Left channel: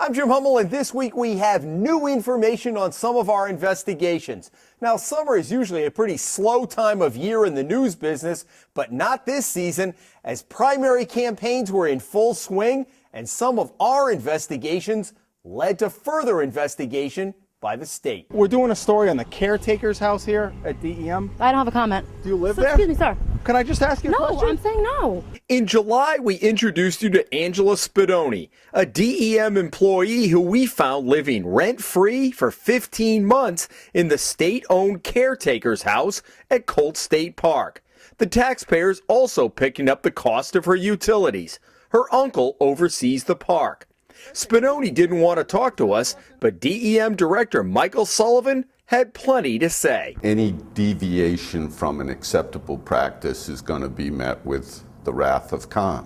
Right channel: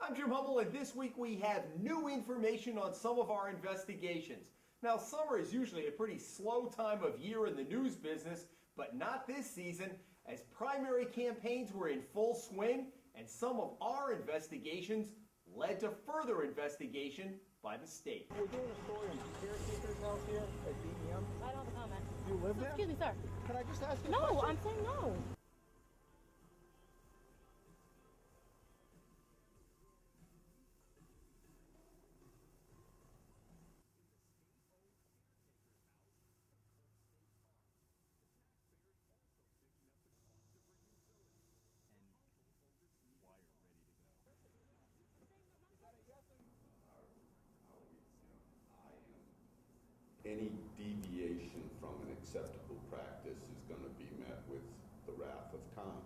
I'm Jim Hummel, and this week we have new information on some of our investigations. Now, summer is usually a pretty slow time of year in the news business, but not this season, as primary campaigns were in full swing, and some of our investigations led to further investigation by the state. We're doing a story on the caretaker's house here at DEM. I don't have a comment. Do you live there? Excuse me, sir. Can I just ask you a question? No, I'm saying no. In July, we introduced you to Angela Spadoni, a DEM employee who we found living rent-free for 15 months in the state-owned caretaker's house at Colt State Park. The taxpayers also picking up the cost of her utilities. Her uncle oversees the park. Spadoni didn't want to talk to us, but DEM Director Michael Sullivan had plenty to say. Any deviation from an acceptable practice is going to be met with the wrath of Khan.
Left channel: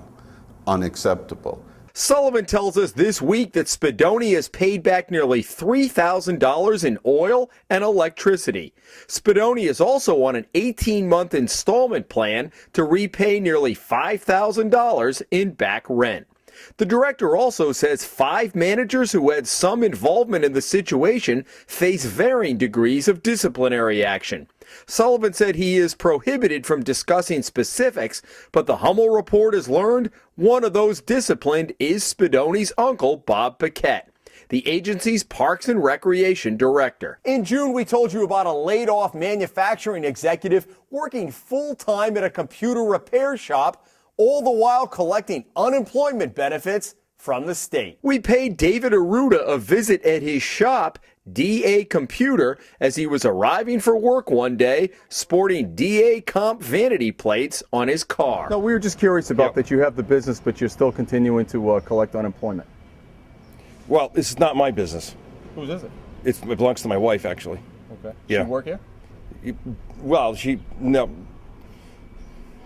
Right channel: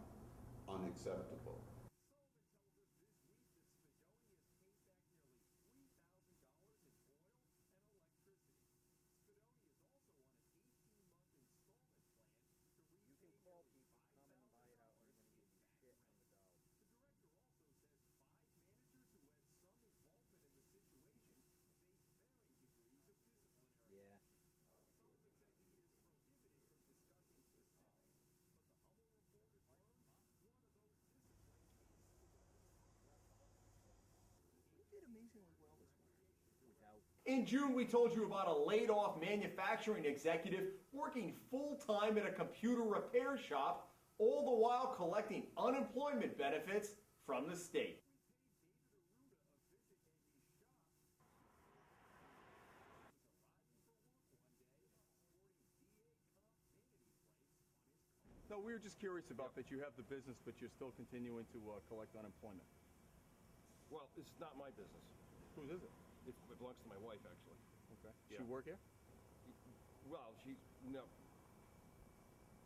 Unacceptable. Sullivan tells us this week that Spadoni has paid back nearly $3,000 in oil and electricity. Spadoni is also on an 18-month installment plan to repay nearly $5,000 in back rent. The director also says 5 managers who had some involvement in the situation face varying degrees of disciplinary action. Sullivan said he is prohibited from discussing specifics, but the Hummel report has learned one of those disciplined is Spadoni's uncle, Bob Paquette, the agency's Parks and Recreation Director. In June, we told you about a laid-off manufacturing executive working full-time at a computer repair shop, all the while collecting unemployment benefits from the state. We paid David Arruda a visit at his shop, DA Computer, as he was arriving for work one day, sporting DA Comp vanity plates on his car. No, we were just curious about that you have the business, but you're still continuing to collect unemployment. Well, this is not my business. Whose is it? It belongs to my wife, actually. Okay. Yeah. She work here? Well, no.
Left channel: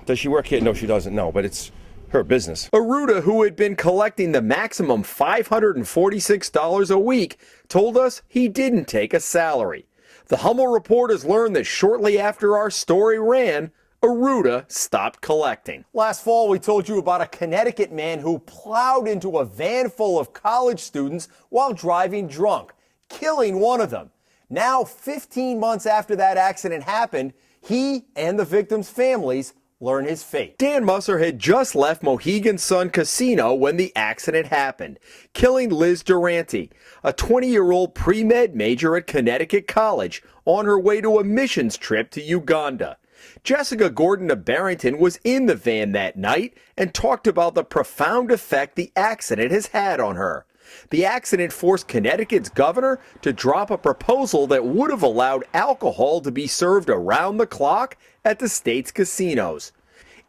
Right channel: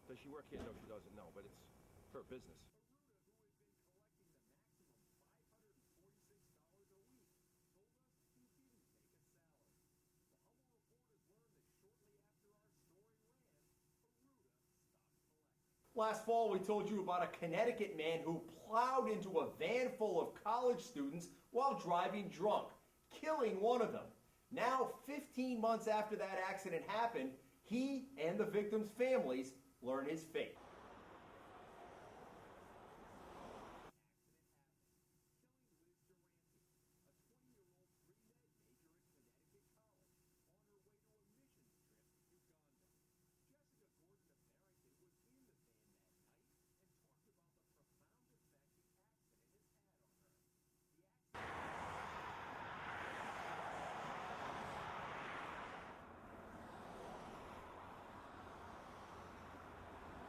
Does she work here? No, she doesn't. No, but it's her business. Arruda, who had been collecting the maximum $546 a week, told us he didn't take a salary. The Hummel report has learned that shortly after our story ran, Arruda stopped collecting. Last fall, we told you about a Connecticut man who plowed into a van full of college students while driving drunk, killing one of them. Now, 15 months after that accident happened, he and the victims' families learn his fate. Dan Musser had just left Mohegan Sun Casino when the accident happened, killing Liz Durante, a 20-year-old pre-med major at Connecticut College, on her way to a missions trip to Uganda. Jessica Gordon of Barrington was in the van that night and talked about the profound effect the accident has had on her. The accident forced Connecticut's governor to drop a proposal that would have allowed alcohol to be served around the clock at the state's casinos.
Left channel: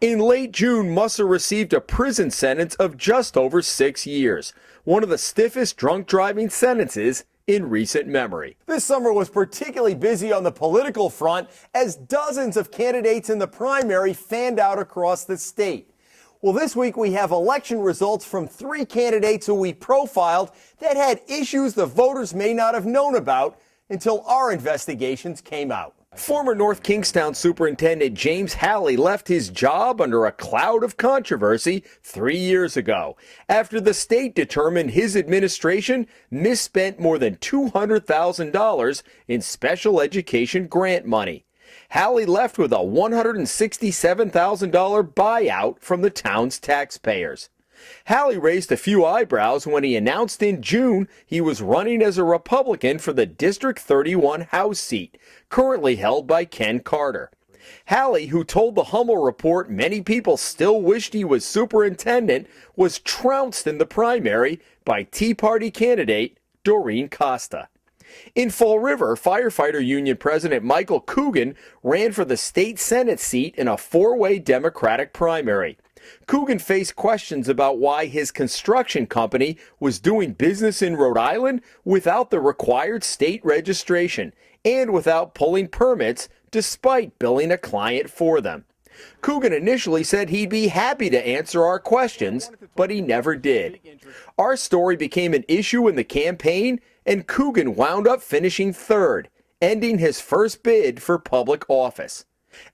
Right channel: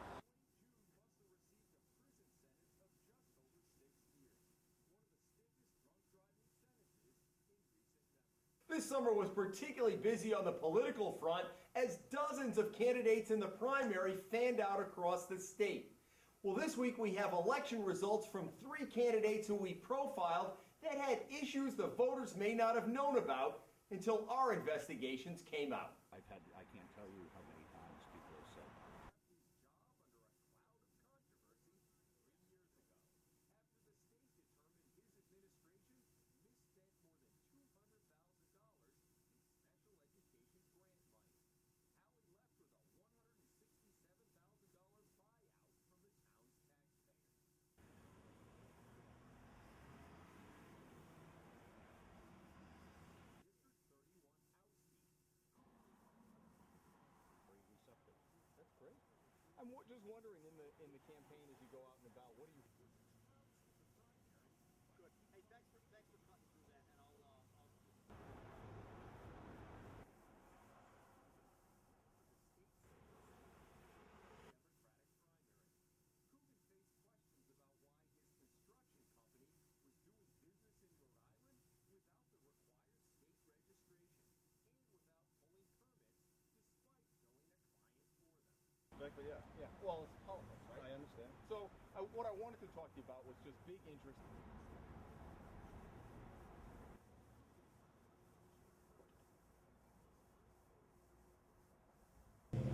In late June, Musser received a prison sentence of just over 6 years, one of the stiffest drunk driving sentences in recent memory. This summer was particularly busy on the political front as dozens of candidates in the primary fanned out across the state. Well, this week we have election results from 3 candidates who we profiled that had issues the voters may not have known about until our investigations came out. Former North Kingstown Superintendent James Halley left his job under a cloud of controversy 3 years ago, after the state determined his administration misspent more than $200,000 in special education grant money. Halley left with a $167,000 buyout from the town's taxpayers. Halley raised a few eyebrows when he announced in June he was running as a Republican for the District 31 House seat, currently held by Ken Carter. Halley, who told the Hummel report many people still wished he was superintendent, was trounced in the primary by Tea Party candidate Doreen Costa. In Fall River, firefighter union president Michael Coogan ran for the state Senate seat in a 4-way Democratic primary. Coogan faced questions about why his construction company was doing business in Rhode Island without the required state registration and without pulling permits despite billing a client for them. Coogan initially said he'd be happy to answer our questions, but he never did. Our story became an issue in the campaign, and Coogan wound up finishing third, ending his first bid for public office.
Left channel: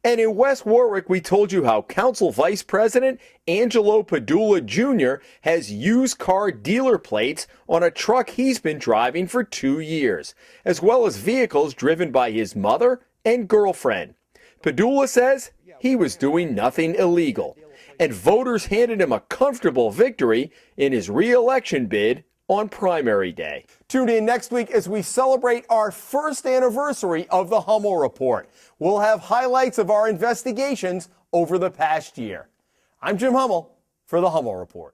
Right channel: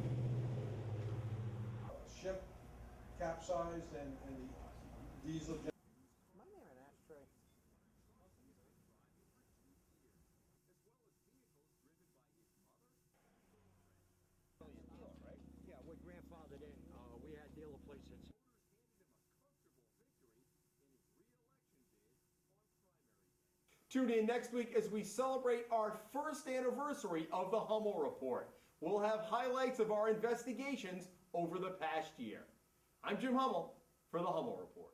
And in West Warwick, we told you how Council Vice President Angelo Padula Jr. has used car dealer plates on a truck he's been driving for 2 years, as well as vehicles driven by his mother and girlfriend. Padula says he was doing nothing illegal, and voters handed him a comfortable victory in his re-election bid on primary day. Tune in next week as we celebrate our first anniversary of the Hummel Report. We'll have highlights of our investigations over the past year. I'm Jim Hummel for the Hummel Report.